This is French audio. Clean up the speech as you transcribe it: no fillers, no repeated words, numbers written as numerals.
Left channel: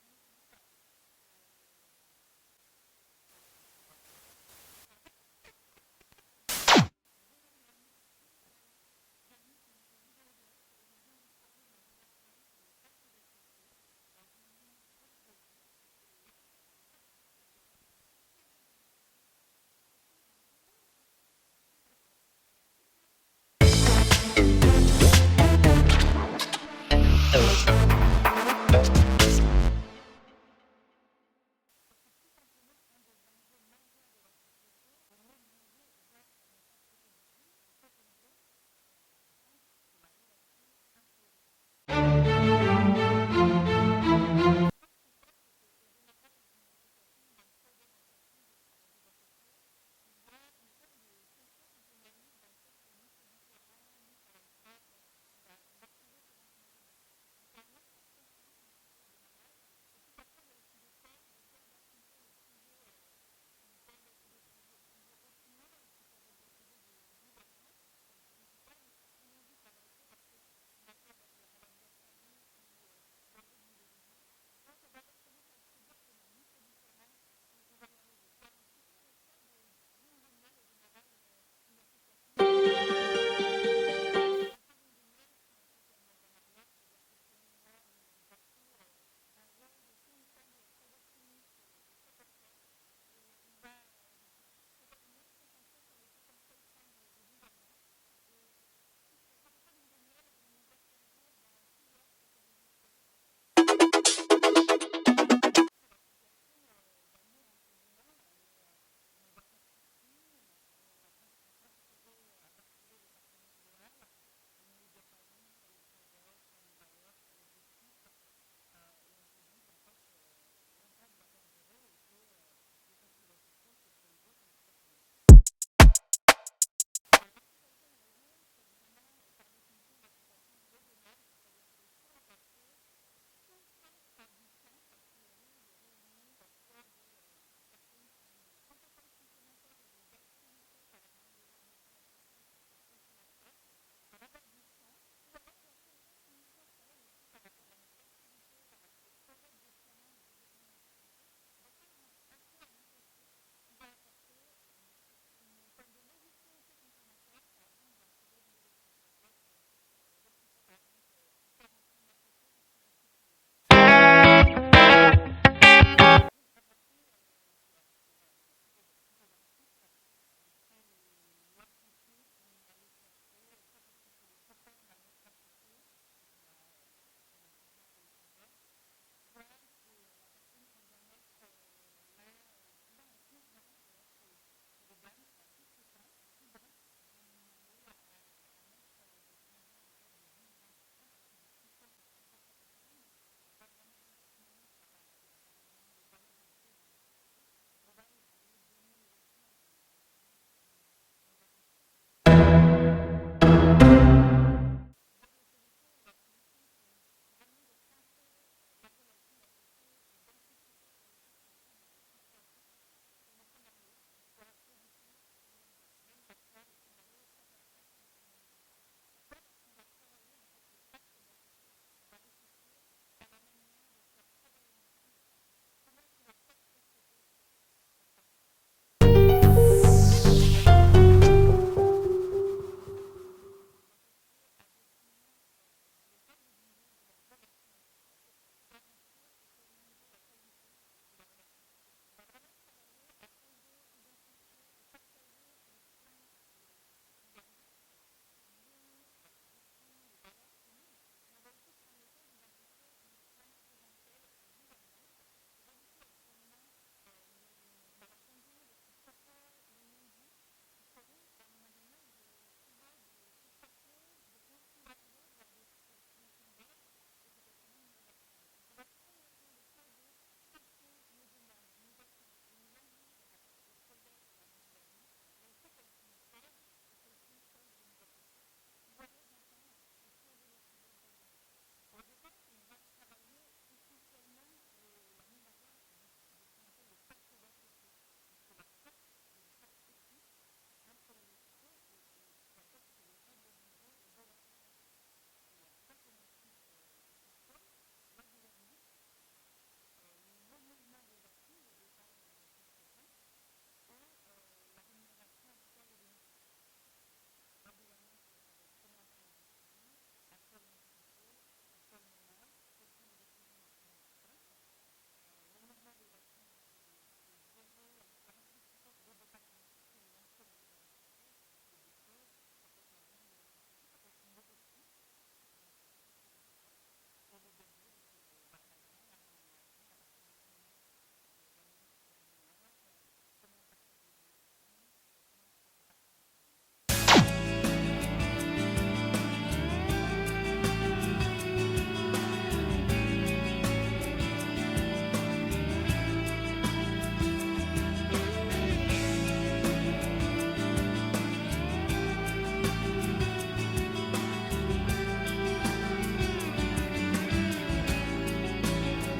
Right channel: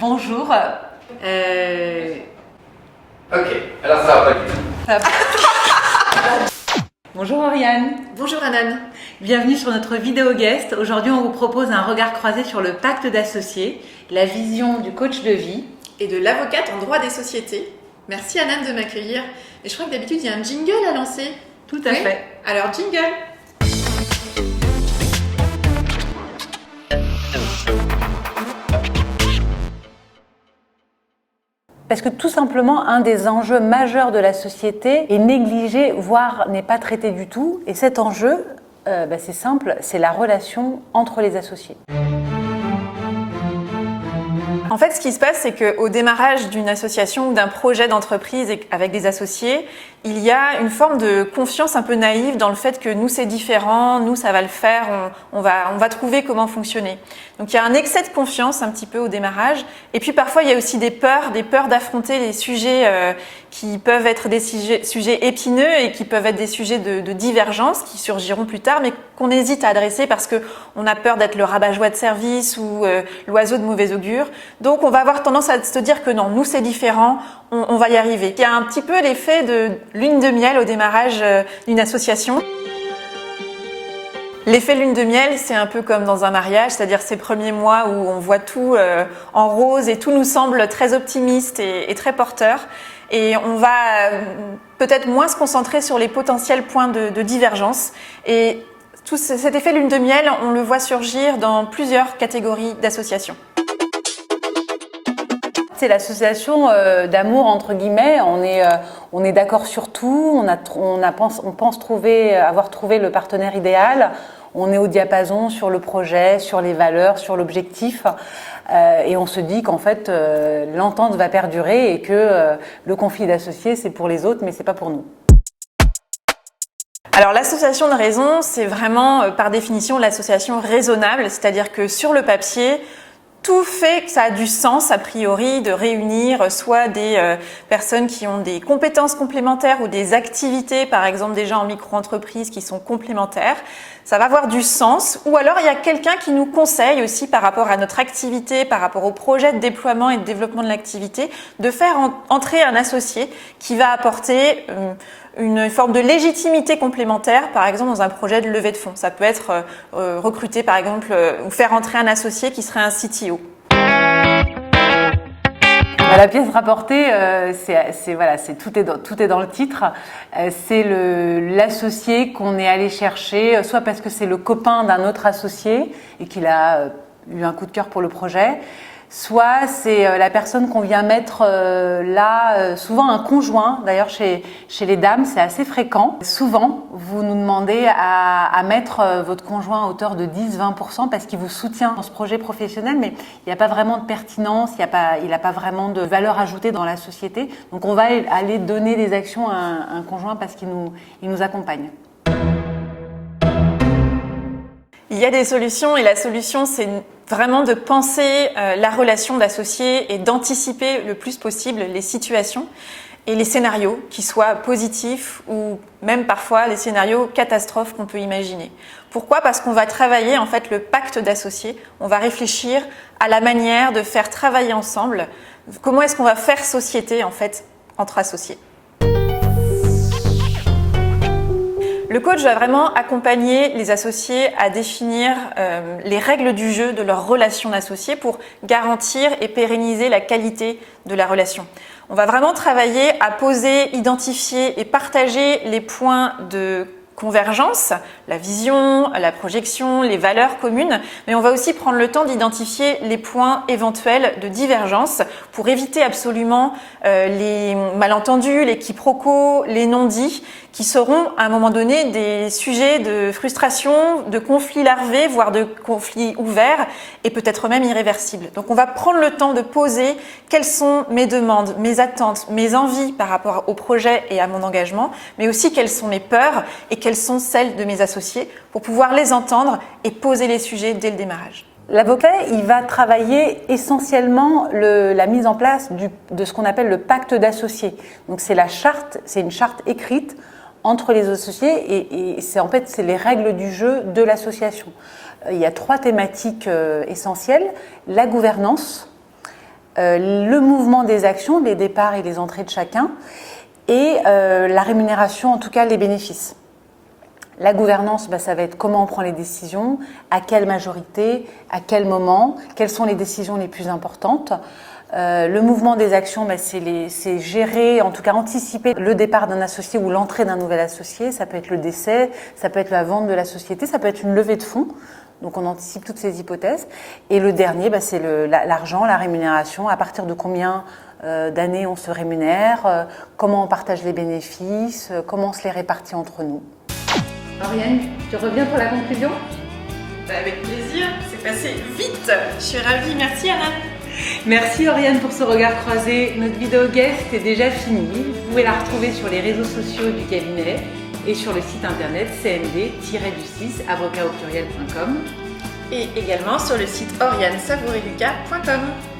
Bonjour. Ok, alors ça va pas du tout. Bonjour Oriane. Bonjour Anan. Bienvenue sur notre vidéo guest. Aujourd'hui, on vous propose un regard croisé sur le pacte d'associés, la vision du coach de vie. Et de l'avocate en droit des sociétés. Merci Anan de m'accueillir. Et je crois que d'habitude, il y a un jingle à lancer. Tout à fait. Alors jingle. Parce que tout simplement, un des enjeux majeurs de la société est négligé, voire n'est pas traité du tout. Et cet enjeu, c'est simple, c'est la relation entre les associés. En fait, ce qui se passe, c'est qu'au démarrage d'une association ou d'un projet d'entreprise avec des associés, il y a une forme de confiance un peu naïve dans le fait que nous, c'est différent, nous, ça va le faire, on va trouver comment fonctionner. Donc, il y a un excès de confiance un petit peu au démarrage. Et puis, parfois, il y a aussi des peurs d'affronter les sujets qui peuvent être des sujets épineux et qui peuvent être des sujets de divergence qui surgiront plus tard, mais qu'on hésite à adresser parce qu'on a peur d'être le rabat-joie de service ou l'oiseau de mauvais augure. Donc, on va avoir tendance à se dire que non, nous, c'est différent, on va y arriver. Il y a un petit peu l'effet de lune de miel au démarrage d'une association. L'effet lune de miel, c'est un peu comme dans un mariage, c'est-à-dire ces premiers mois où on voit tout en rose et tout nous semble très optimiste et très porteur. Et on va peut-être moins se concentrer sur les potentiels points de divergence. Et tout cet effet lune de miel, on le voit surgir dans plusieurs catégories d'associations. C'est l'association d'amour entre guillemets. On est d'accord sur tout. On pense avoir trouvé le partenaire idéal. On est au diapason sur le projet, sur les valeurs, sur l'objectif. Et on se dit qu'en fait, l'entente va perdurer et que le conflit d'associés, c'est pour les autres, mais c'est pas pour nous. Alors l'association de raison, c'est vraiment par définition l'association raisonnable, c'est-à-dire que sur le papier, tout fait que ça a du sens, a priori, de réunir soit des personnes qui ont des compétences complémentaires ou des activités, par exemple des gens en micro-entreprise qui sont complémentaires. Ça va avoir du sens. Ou alors, il y a quelqu'un qui nous conseille aussi par rapport à notre activité, par rapport au projet de déploiement et de développement de l'activité, de faire entrer un associé qui va apporter une forme de légitimité complémentaire, par exemple dans un projet de levée de fonds. Ça peut être recruter, par exemple, ou faire entrer un associé qui serait un CTO. La pièce rapportée, tout est dans le titre. C'est l'associé qu'on est allé chercher, soit parce que c'est le copain d'un autre associé et qu'il a eu un coup de cœur pour le projet, soit c'est la personne qu'on vient mettre là, souvent un conjoint. D'ailleurs, chez les dames, c'est assez fréquent. Souvent, vous nous demandez à mettre votre conjoint à hauteur de 10-20% parce qu'il vous soutient dans ce projet professionnel, mais il n'y a pas vraiment de pertinence, il n'a pas vraiment de valeur ajoutée dans la société. Donc, on va aller donner des actions à un conjoint parce qu'il nous accompagne. Il y a des solutions et la solution, c'est vraiment de penser la relation d'associés et d'anticiper le plus possible les situations et les scénarios qui soient positifs ou même parfois les scénarios catastrophes qu'on peut imaginer. Pourquoi ? Parce qu'on va travailler en fait le pacte d'associés, on va réfléchir à la manière de faire travailler ensemble, comment est-ce qu'on va faire société en fait entre associés. Le coach va vraiment accompagner les associés à définir les règles du jeu de leur relation d'associés pour garantir et pérenniser la qualité de la relation. On va vraiment travailler à poser, identifier et partager les points de convergence, la vision, la projection, les valeurs communes, mais on va aussi prendre le temps d'identifier les points éventuels de divergence pour éviter absolument les malentendus, les quiproquos, les non-dits qui seront à un moment donné des sujets de frustration, de conflits larvés, voire de conflits ouverts et peut-être même irréversibles. Donc on va prendre le temps de poser quelles sont mes demandes, mes attentes, mes envies par rapport au projet et à mon engagement, mais aussi quelles sont mes peurs et quelles sont celles de mes associés pour pouvoir les entendre et poser les sujets dès le démarrage. L'avocat, il va travailler essentiellement la mise en place de ce qu'on appelle le pacte d'associés. Donc c'est une charte écrite entre les associés et c'est les règles du jeu de l'association. Il y a 3 thématiques essentielles: la gouvernance, le mouvement des actions, les départs et les entrées de chacun, et la rémunération, en tout cas les bénéfices. La gouvernance, ça va être comment on prend les décisions, à quelle majorité, à quel moment, quelles sont les décisions les plus importantes. Le mouvement des actions, c'est gérer, en tout cas anticiper le départ d'un associé ou l'entrée d'un nouvel associé. Ça peut être le décès, ça peut être la vente de la société, ça peut être une levée de fonds. Donc on anticipe toutes ces hypothèses. Et le dernier, c'est l'argent, la rémunération. À partir de combien d'années on se rémunère, comment on partage les bénéfices, comment on se les répartit entre nous. Oriane, tu reviens pour la conclusion? Avec plaisir, c'est passé vite. Je suis ravie, merci Anna. Merci Oriane pour ce regard croisé. Notre vidéo guest est déjà finie. Vous pouvez la retrouver sur les réseaux sociaux du cabinet et sur le site internet cmd-avocataupluriel.com et également sur le site orianesavoureluca.com.